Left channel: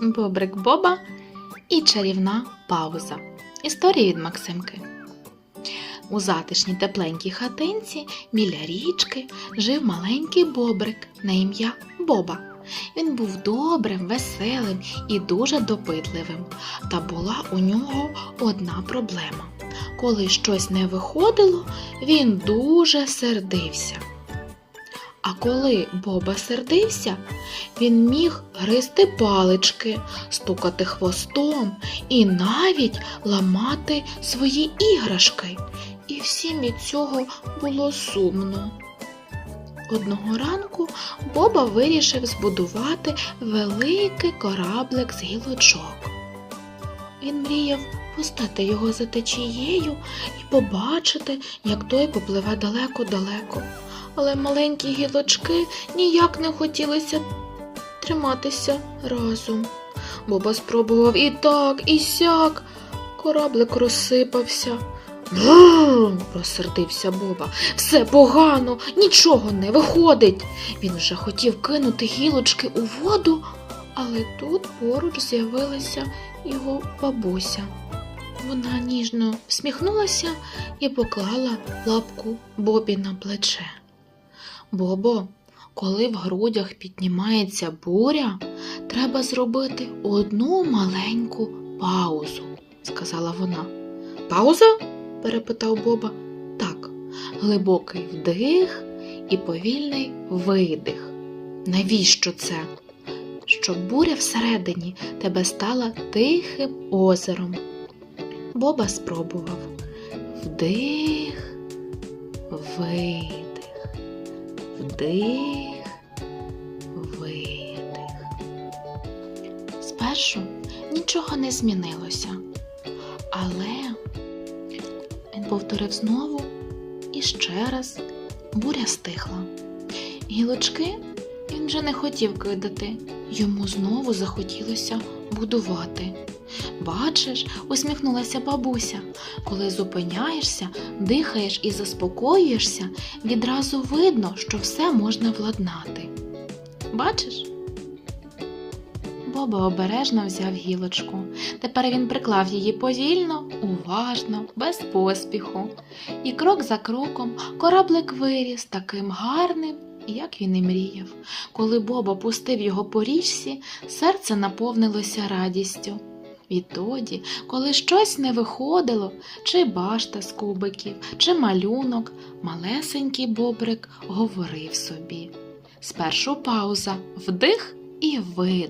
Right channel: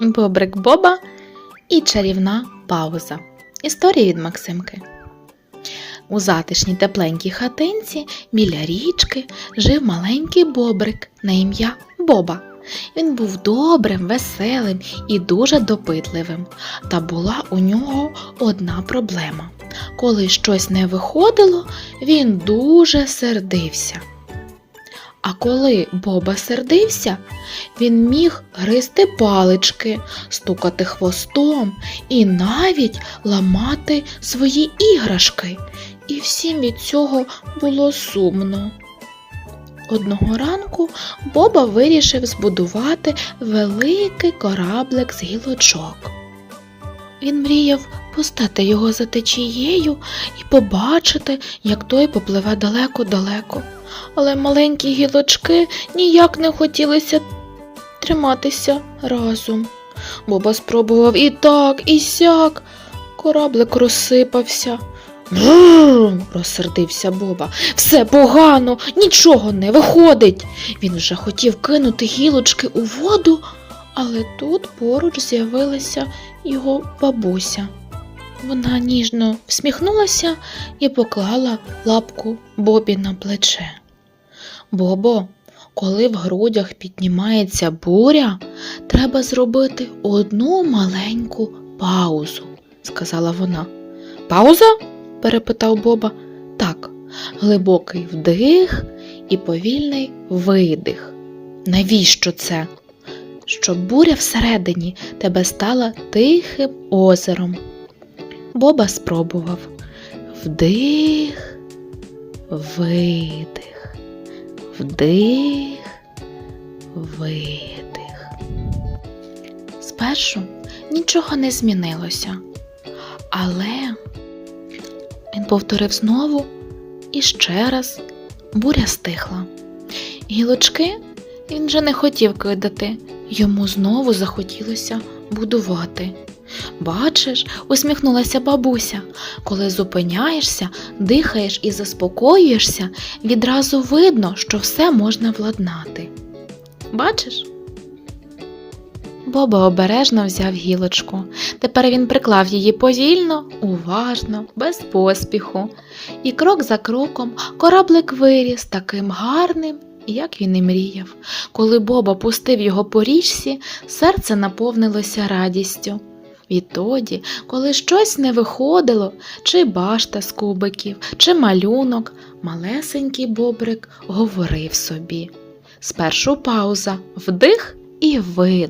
Бобрик Боба і чарівна пауза. Історія від Максимки. У затишній тепленькій хатинці біля річки жив маленький бобрик на ім'я Боба. Він був добрим, веселим і дуже допитливим. Та була у нього одна проблема. Коли щось не виходило, він дуже сердився. А коли Боба сердився, він міг гризти палички, стукати хвостом і навіть ламати свої іграшки. І всім від цього було сумно. Одного ранку Боба вирішив збудувати великий кораблик з гілочок. Він мріяв пустати його за течією і побачити, як той попливе далеко-далеко. Але маленькі гілочки ніяк не хотілися триматися разом. Боба спробував і так, і сяк. Кораблик розсипався. Бррр, розсердився Боба. Все погано, нічого не виходить. Він вже хотів кинути гілочки у воду, але тут поруч з'явилася його бабуся. Вона ніжно всміхнулася і поклала лапку Бобі на плече. Бобо, коли в грудях піднімається буря, треба зробити одну маленьку паузу, сказала вона. Пауза? перепитав Боба. Так, глибокий вдих і повільний видих. Навіщо це? Щоб буря всередині тебе стала тихим озером. Боба спробував вдих, видих, вдих, видих. Спершу нічого не змінилося, але він повторив знову і ще раз буря стихла. Гілочки він вже не хотів кидати, йому знову захотілося будувати. Бачиш, усміхнулася бабуся, коли зупиняєшся, дихаєш і заспокоюєшся, відразу видно, що все можна владнати. Бачиш? Боба обережно взяв гілочку. Тепер він приклав її повільно, уважно, без поспіху. І крок за кроком кораблик виріс таким гарним, як він і мріяв. Коли Боба пустив його по річці, серце наповнилося радістю. Відтоді, коли щось не виходило, чи башта з кубиків, чи малюнок, малесенький бобрик говорив собі. Спершу пауза, вдих і видих.